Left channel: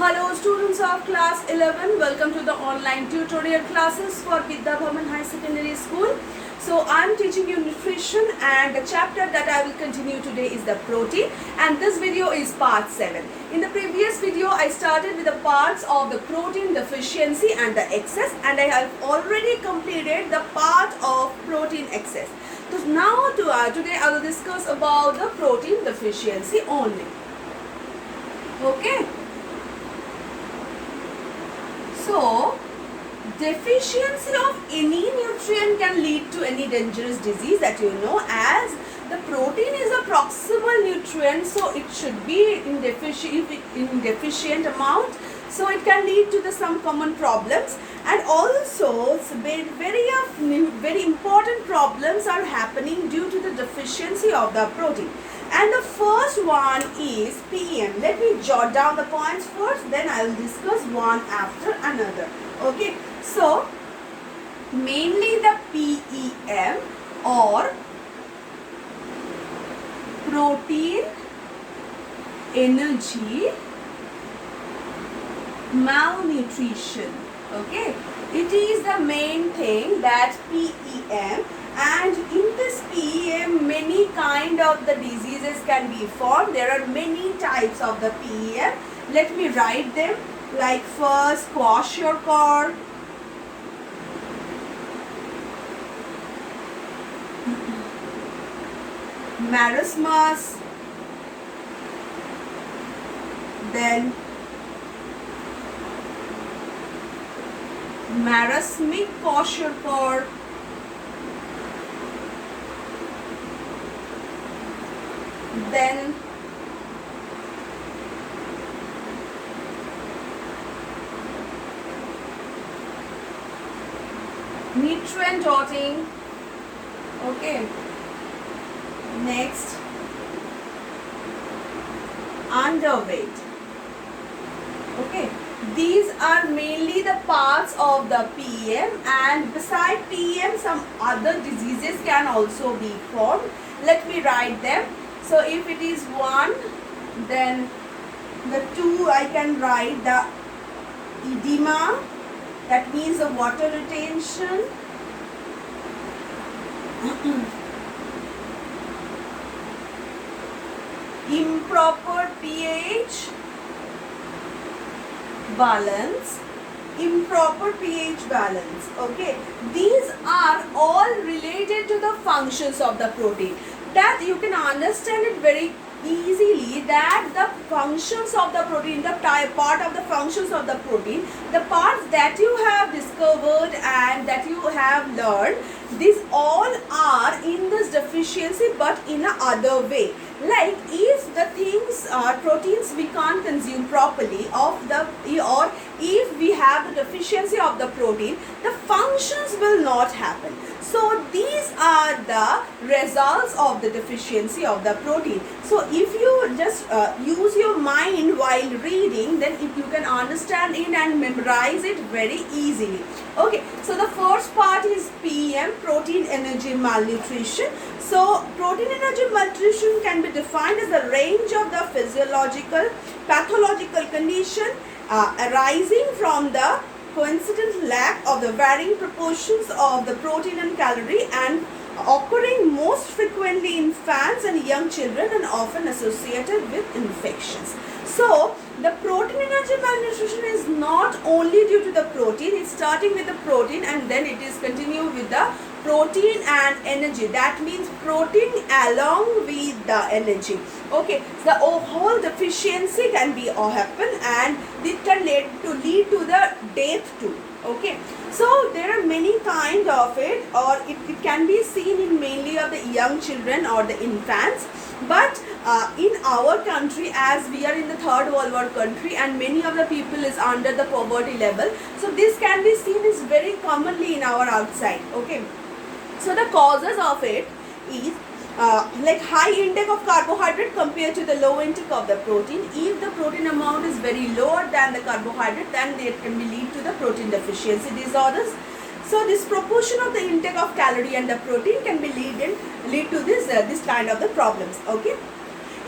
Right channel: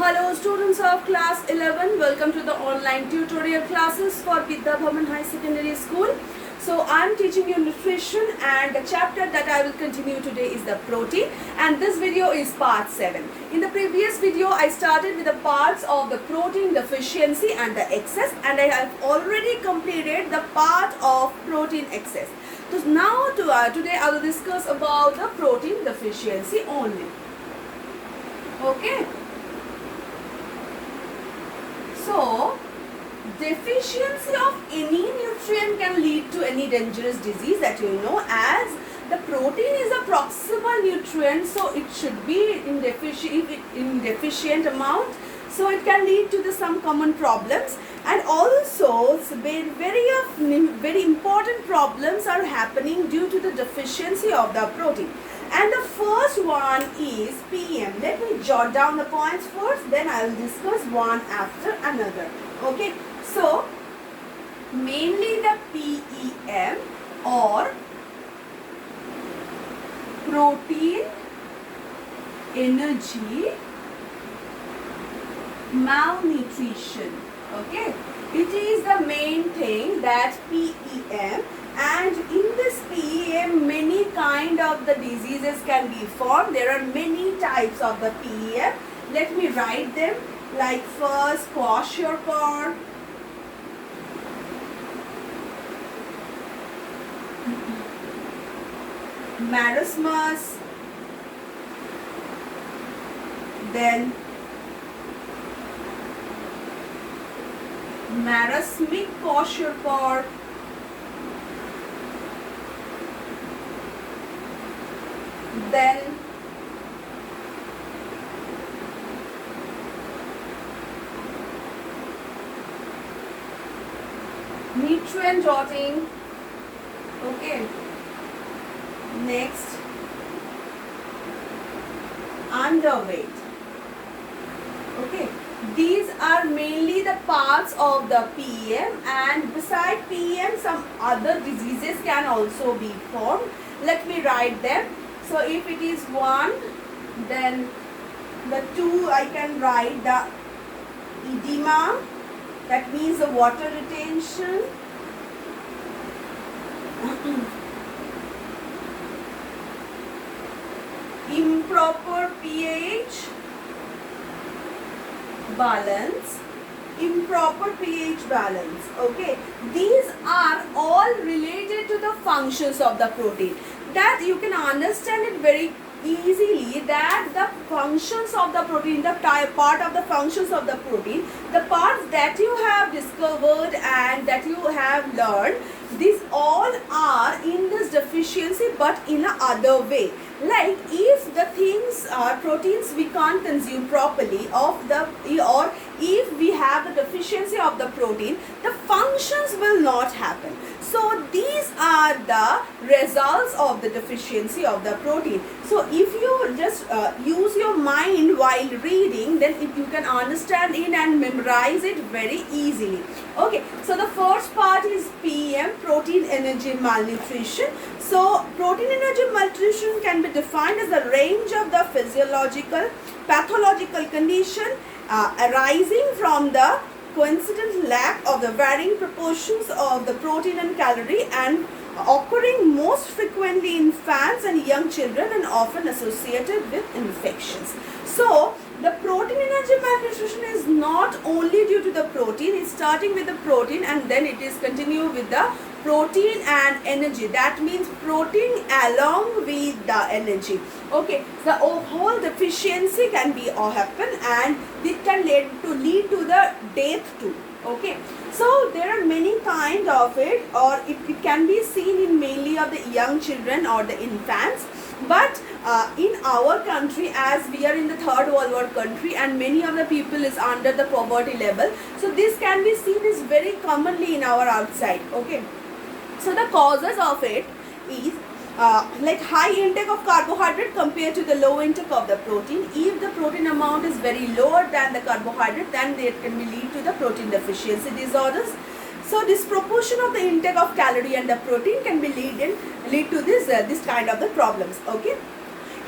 Hello students of class 11, welcome to the online tutorial classes for Vidya Bhavan High Secondary School. So I am teaching you nutrition, and the chapter that I will continue today is the protein, and this video is part 7. In the previous video I started with the parts of the protein deficiency and the excess, and I have already completed the part of protein excess. So now today I will discuss about the protein deficiency only. Okay. So, deficiency of any nutrient can lead to any dangerous disease, that you know, as the protein is a proximal nutrient, so it should be in deficient amount, so it can lead to some common problems, and also very important problems are happening due to the deficiency of the protein. And the first one is PEM. Let me jot down the points first, then I will discuss one after another. Okay, so mainly the PEM or protein energy malnutrition. Okay, it is the main thing, that PEM. And in this PEM, many kind of the diseases can be formed. There are many types of the PEM. Let me write them. Like first, kwashiorkor, marasmus, then marasmic kwashiorkor, then nutrient dotting. Okay, next underweight. Okay, these are mainly the parts of the PEM, and beside PEM some other diseases can also be formed. Let me write them. So if it is 1, then the 2 I can write the edema, that means the water retention. Improper pH balance, improper pH balance. Okay, these are all related to the functions of the protein. That you can understand it very easily, that the functions of the protein, the part of the functions of the protein, the parts that you have discovered and that you have learned, these all are in this deficiency, but in a other way. Like if the things proteins we can't consume properly of the, or if we have the deficiency of the protein, the functions will not happen. So these are the results of the deficiency of the protein. So if you just use your mind while reading, then if you can understand it and memorize it very easily. Okay, so the first part is PEM, protein energy malnutrition. So protein energy malnutrition can be defined as the range of the physiological, pathological condition arising from the coincident lack of the varying proportions of the protein and calorie, and occurring most frequently in infants and young children, and often associated with infections. So the protein energy malnutrition is not only due to the protein, it's starting with the protein and then it is continued with the protein and energy. That means protein along with the energy. Okay, the whole deficiency can be happen, and it can lead to the death too. Okay, so there are many kind of it, or it can be seen in mainly of the young children or the infants. But in our country, as we are in the third world war country and many of the people is under the poverty level, so this can be seen is very commonly in our outside. Okay, so the causes of it is like high intake of carbohydrate compared to the low intake of the protein. If the protein amount is very lower than the carbohydrate, then it can be lead to the protein deficiency disorders. So disproportion of the intake of calorie and the protein can be lead to this kind of the problems. Okay,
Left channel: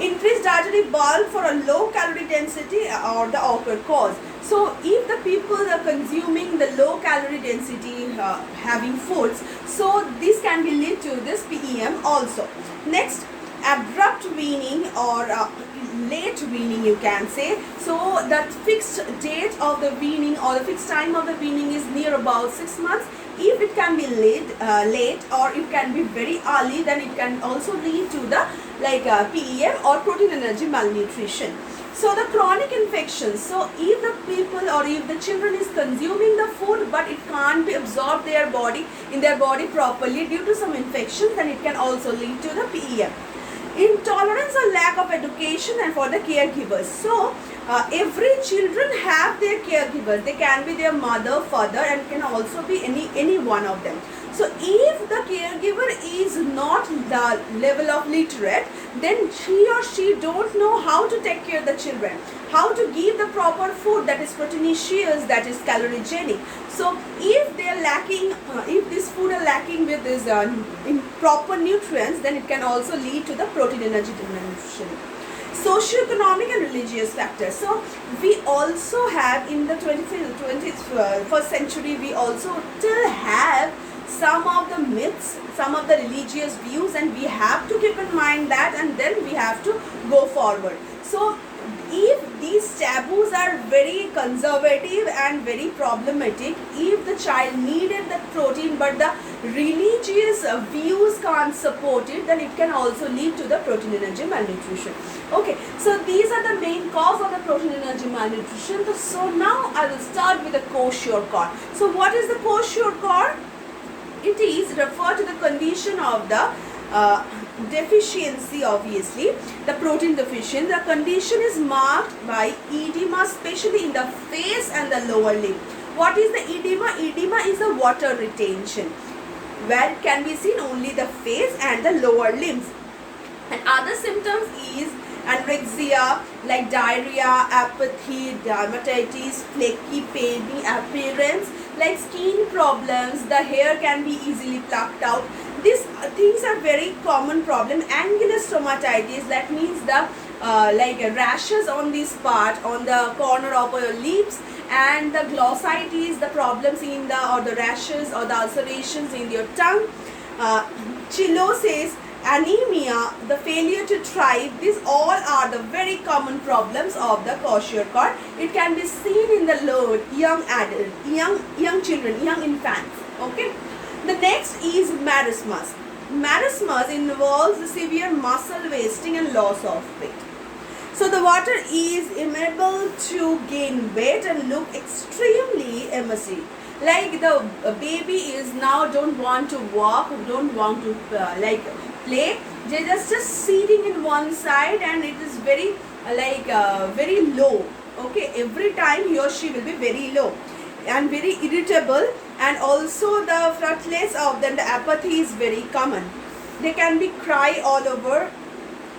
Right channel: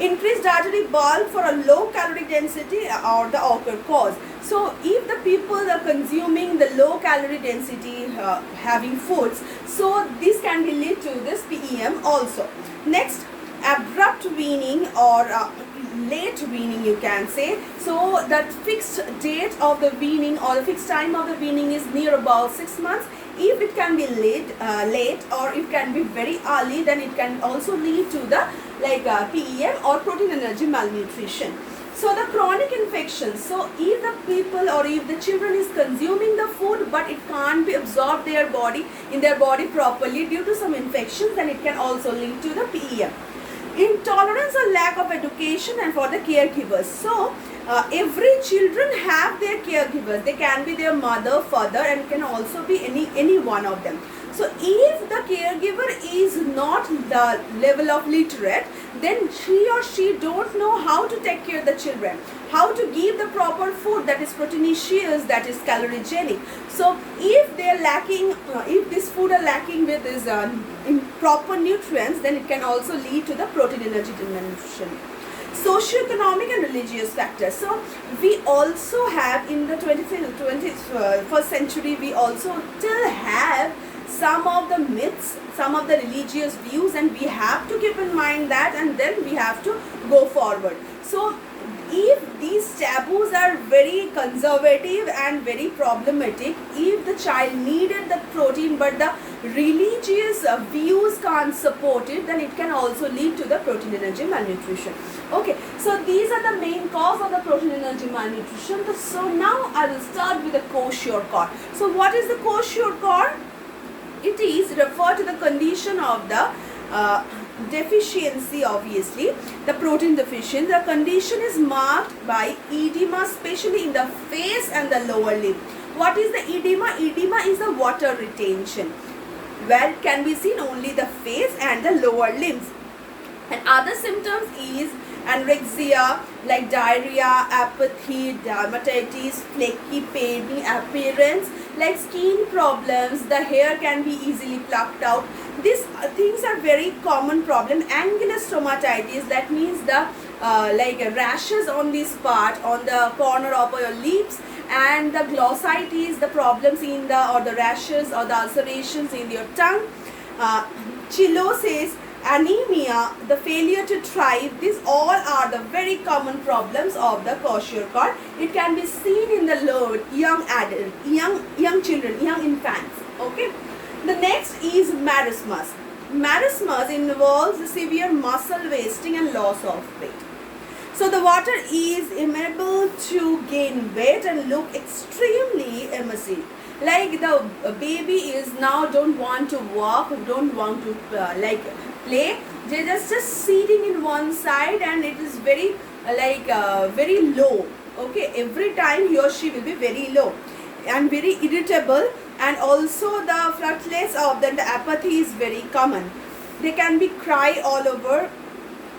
increased dietary bulk for a low calorie density or the occur cause. So if the people are consuming the low calorie density having foods, so this can be lead to this PEM also. Next, abrupt weaning or late weaning, you can say. So that fixed date of the weaning or the fixed time of the weaning is near about 6 months. If it can be late or it can be very early, then it can also lead to the PEM or protein energy malnutrition. So the chronic infections, so if the people or if the children is consuming the food but it can't be absorbed in their body properly due to some infections, then it can also lead to the PEM. Intolerance or lack of education and for the caregivers. So every children have their caregivers. They can be their mother, father, and can also be any one of them. So if the caregiver is not the level of literate, then he or she don't know how to take care of the children, how to give the proper food that is proteinaceous, that is calorigenic. So if they are lacking, if this food are lacking with this improper nutrients, then it can also lead to the protein energy malnutrition. Socioeconomic and religious factors. So we also have in the 21st century, we also still have some of the myths, some of the religious views, and we have to keep in mind that, and then we have to go forward. So if these taboos are very conservative and very problematic, if the child needed the protein but the religious views can't support it, then it can also lead to the protein energy malnutrition. Okay, so these are the main cause of the protein energy malnutrition. So now I will start with the kwashiorkor. So what is the kwashiorkor? It is referred to the condition of the deficiency, obviously, the protein deficiency. The condition is marked by edema, especially in the face and the lower limb. What is the edema? Edema is the water retention, where it can be seen only the face and the lower limbs. And other symptoms is anorexia, like diarrhea, apathy, dermatitis, flaky, painy appearance, like skin problems, the hair can be easily plucked out. These things are very common problem. Angular stomatitis, that means the rashes on this part, on the corner of your lips, and the glossitis, the problems in the, or the rashes or the ulcerations in your tongue. Chillosis, anemia, the failure to thrive, these all are the very common problems of the kwashiorkor. It can be seen in the young adult, young children, young infants. Okay. The next is marasmus. Marasmus involves severe muscle wasting and loss of weight. So the water is unable to gain weight and look extremely emaciated. Like the baby is now don't want to walk, don't want to play. They just sitting in one side, and it is very very low. Okay, every time he or she will be very low and very irritable, and also the freckles of the apathy is very common. They can be cry all over,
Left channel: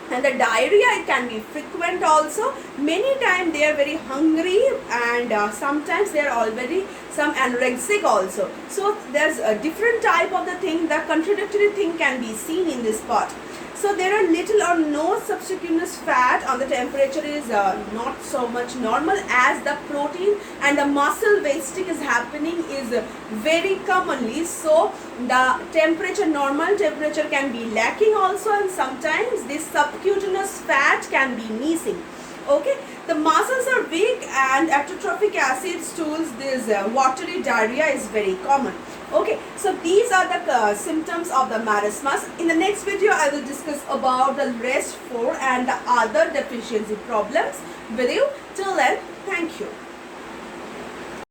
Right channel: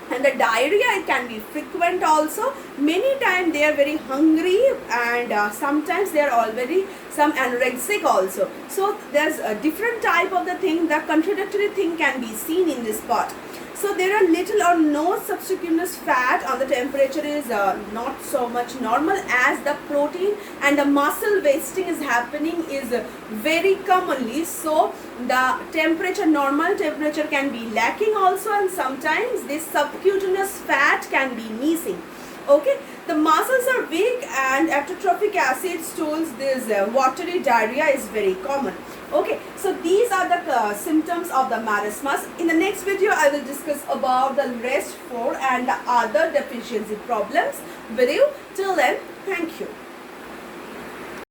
and the diarrhea, it can be frequent also. Many times they are very hungry, and sometimes they are already some anorexic also. So there's a different type of the thing, the contradictory thing can be seen in this part. So there are little or no subcutaneous fat, or the temperature is not so much normal, as the protein and the muscle wasting is happening is very commonly. So the temperature, normal temperature can be lacking also, and sometimes this subcutaneous fat can be missing. Okay, the muscles are weak, and after trophic acid stools, this watery diarrhea is very common. Okay, so these are the symptoms of the marasmus. In the next video, I will discuss about the rest 4 and the other deficiency problems with you. Till then, thank you.